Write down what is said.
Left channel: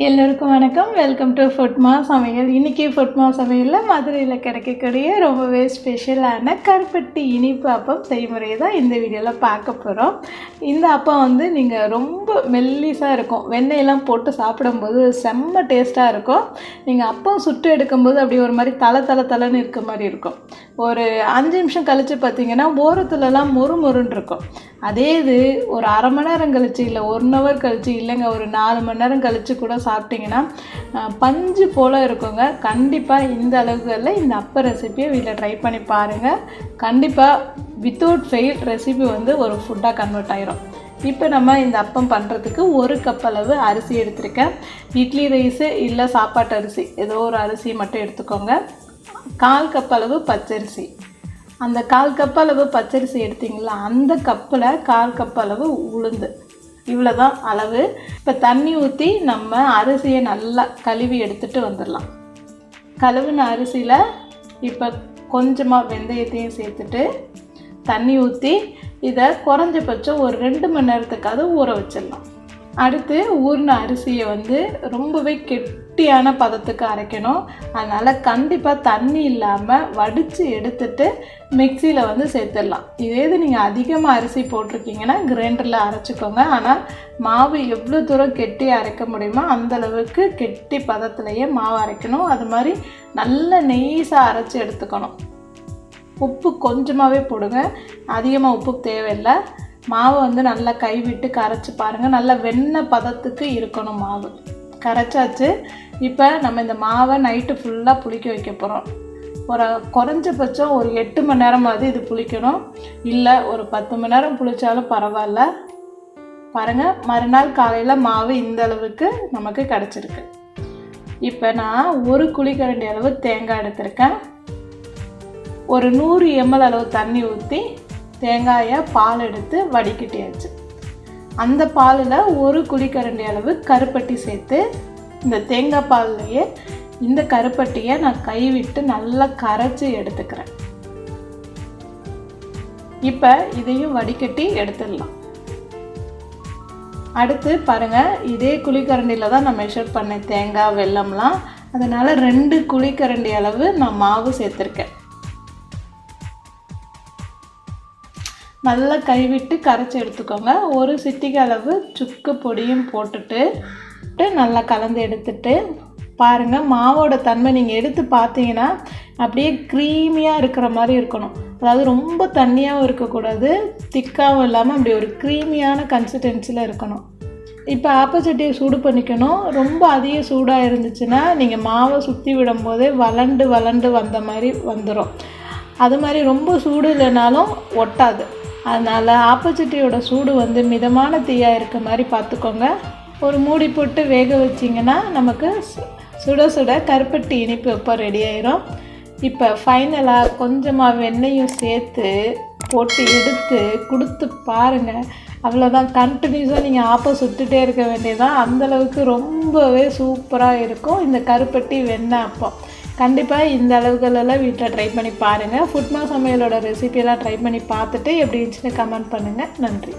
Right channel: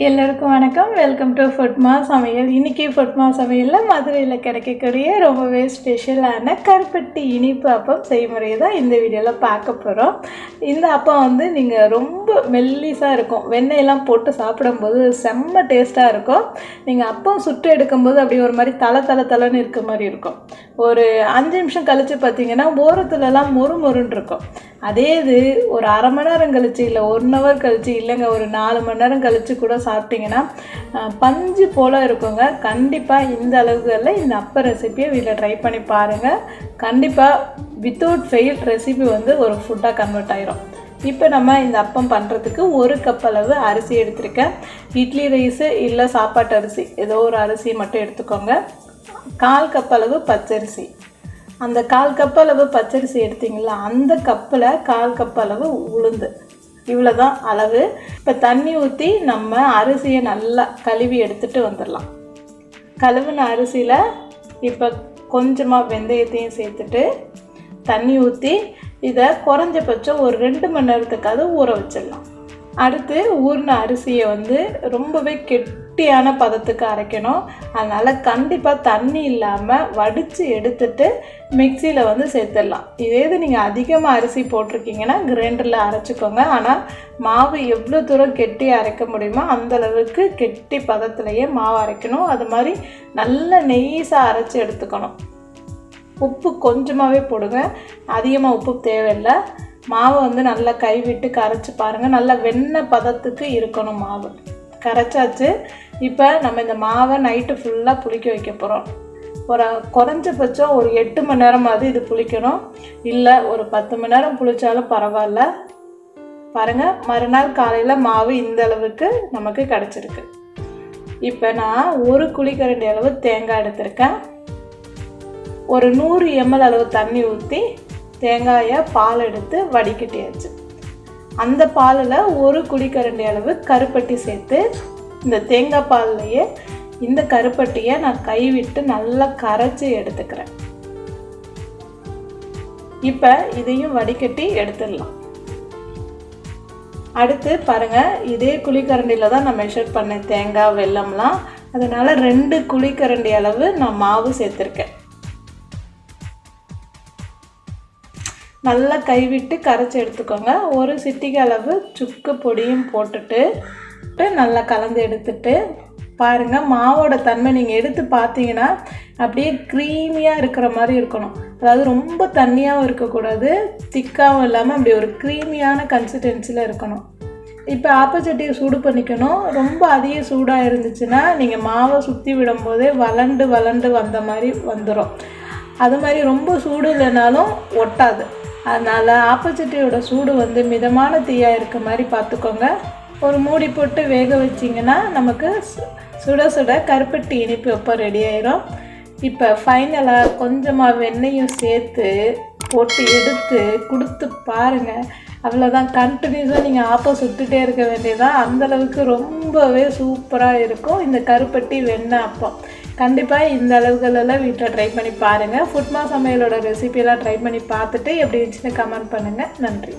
எல்லோருக்கும் வணக்கம். Welcome to ஃபுட்மா சமையல். இன்றைக்கி ஃபுட்மா சமையலில் மதுரையில் கிடைக்கக்கூடிய ரொம்பவே ஸ்பெஷலான கருப்பட்டி இனிப்பு அப்பம் செய்முறை தான் இந்த வீடியோவில் பார்க்க போகிறோம் இந்த அப்பம் வந்து நீங்கள் ரொம்ப மெல்லிஸாக இருக்கும். வெண்ணெயெல்லாம் போட்டு சாப்பிடும்போது செம்ம டேஸ்ட்டாக இருக்கும். நீங்கள் அப்பம் சுட்டு எடுக்கும்போது அப்படி ஒரு மாதிரி தலை தலை தலைன்னு இருக்க மாதிரி இருக்கும். ஒரு அஞ்சு நிமிஷம் கழித்து பார்த்தீங்கன்னா ஓரத்துலலாம் மொறு மொறுன்னு இருக்கும். அதே இது ஒரு அரை மணி நேரம் கழிச்சு இல்லை ஒன் ஹவர் கழிச்சு இல்லைங்க ஒரு நாலு மணி நேரம் கழித்து கூட சாப்பிட்டிங்கன்னா பஞ்சு போல் இருக்குங்க. கண்டிப்பாக இந்த அளவுகளில் இந்த அப்ப ரெசிபியை வீட்டில் ட்ரை பண்ணி பாருங்கள் கண்டிப்பாக வித்தவுட் ஃபெயில் ரெசிபி வந்து ஒரு ஃபுட்டாக கன்வெர்ட் ஆகிரும் இப்போ நம்ம இந்த அப்பம் பண்ணுறதுக்கு ஒரு கப் அளவு அரிசி எடுத்திருக்கேன். இட்லி ரைஸு இல்லை சாப்பாட்டு அரிசி ஏதோ ஒரு அரிசி மட்டும் எடுத்துக்கோங்க. கால் கப் அளவு பச்சரிசி. அந்த கால் கப் அளவு பச்சரிசி எடுத்தீங்களா அந்த கப்பில் கால் கப் அளவு உளுந்து. இவ்வளோ தான் அளவு. இப்போ தண்ணி ஊற்றி நம்ம அரிசியை நல்லா கழுவி எடுத்துகிட்டு வந்துடலாம். கழுவுன அரிசியில் இப்போ கொஞ்சமாக வெந்தயத்தையும் சேர்த்துட்டு தண்ணி ஊற்றி இதை குறைஞ்சபட்சம் ஒரு ரெண்டு மணி நேரத்துக்காவது ஊற வச்சிடலாம். அடுத்து ஊறின அரிசியை வந்து ரொம்பவே கெட்டியான பதத்துக்கு அரைக்கணும். அதனால் கண்டிப்பாக தண்ணி இல்லாமல் வடித்து எடுத்துட்டு மிக்சியில் வந்து சேர்த்துடலாம். இதே இது நீங்கள் அதிகமாக அரிசி போட்டிருக்கீங்கன்னா கிரைண்டரில் அரைச்சிக்கோங்க. ஆனால் மாவு எவ்வளோ தூரம் கெட்டி அரைக்க முடியுமோ அந்த அளவுக்கு கெட்டி பதத்துலேயே மாவு அரைக்கணும். அது மாதிரி நல்ல நெய்ஸாக அரைச்சி எடுத்துக்கணும். உப்பு கொஞ்சமாகவே போடுங்க. அதிகமாக உப்பு தேவையில்லை. மாவை வந்து நல்லா கைவிட்டு கரைச்சி பாருங்கள் நல்லா வெண்ணெய் பதத்துக்கு இருக்கணும் மாவு. கரைச்சாச்சு. இப்போ நம்ம இந்த மாவை நைட்டு ஃபுல்லாக புளிக்க வைக்க போகிறோம் ஒரு குறைஞ்சபட்சம் ஒரு எட்டு மணி நேரமாவது இது புளிக்கணும். இல்லை ஒரு பத்து மணி நேரம் புளிச்சாலும் பரவாயில்ல. பாருங்கள் மறுநாள் காலையில் மாவு இந்த அளவுக்கு நமக்கு கிடச்சிருக்கு. இப்போ நான் ஒரு குழிக்கரண்டி அளவு தேங்காய் எடுத்திருக்கேன். ஒரு நூறு எம்எல் அளவு தண்ணி ஊற்றி தேங்காயை பால் எடுத்து வடிகட்டியாச்சு. அந்த பாலில் ஒரு குழிக்கரண்டி அளவு கருப்பட்டி சேர்த்து இந்த தேங்காய் பால்லையே இந்த கருப்பட்டியை நான் கைவிட்டு நல்லா கரைச்சி எடுத்துக்கிறேன். இப்போ இதையும் வடிகட்டி எடுத்துடலாம். அடுத்து பாருங்கள் இதே குழிக்கரண்டியில் தான் நான் மெஷர் பண்ணேன் தேங்காய் வெல்லம்லாம். அதனால் ரெண்டு குழிக்கரண்டி அளவு நான் மாவு சேர்த்துருக்கேன். நல்லா கைவிட்டு கரைச்சி எடுத்துக்கோங்க. ஒரு சிட்டிகை அளவு சுக்கு பொடியும் போட்டுட்டு நல்லா கலந்து எடுத்துட்டு பாருங்கள் மாவோட தன்மை நீங்கள் எடுத்து பார்த்தீங்கன்னா அப்படியே க்ரீமியாக இருக்கிற மாதிரி இருக்கணும். அதாவது ரொம்ப தண்ணியாகவும் இருக்கக்கூடாது திக்காகவும் இல்லாமல் அப்படி ஒரு க்ரீமியான கன்சிஸ்டன்சியில் இருக்கணும். இப்போ ஆப்பச்சட்டியை சூடு பண்ணிக்கணும். ரொம்ப அதிக சூடாக இருந்துச்சுன்னா நீங்கள் மாவை சுற்றி விடும்போதே வளண்டு வளண்டு வந்த மாதிரி வந்துடும் அது மாதிரி ரொம்ப சூடு இல்லைனாலும் ஒட்டாது. அதனால் ஆப்போசிட்டியோட சூடு வந்து மிதமான தீயாக இருக்க மாதிரி பார்த்துக்கோங்க. ஒரு மூடி போட்டு வேக வச்சிங்கன்னா நமக்கு சு- சுட சுட கருப்பட்டி இனிப்பு எப்போ ரெடி ஆயிரும். இப்போ ஃபைனலாக கொஞ்சமாக வெண்ணையும் சேர்த்து போட்டு எடுத்து கொடுத்து பாருங்கள் அவ்வளோதான் கண்டினியூஸாக நீங்கள் ஆப்பம் சுட்டுட்டே இருக்க வேண்டியதான் அந்தளவுக்கு ரொம்பவே சூப்பராக இருக்கும். இந்த கருப்பட்டி வெண்ணெய் அப்பம். கண்டிப்பாக இந்த அளவுகளெல்லாம் வீட்டில் ட்ரை பண்ணி பாருங்கள் ஃபுட்மா சமையலோட ரெசிபியெல்லாம் ட்ரை பண்ணி பார்த்துட்டு எப்படி இருந்துச்சுன்னு கமெண்ட் பண்ணுங்கள் நன்றி.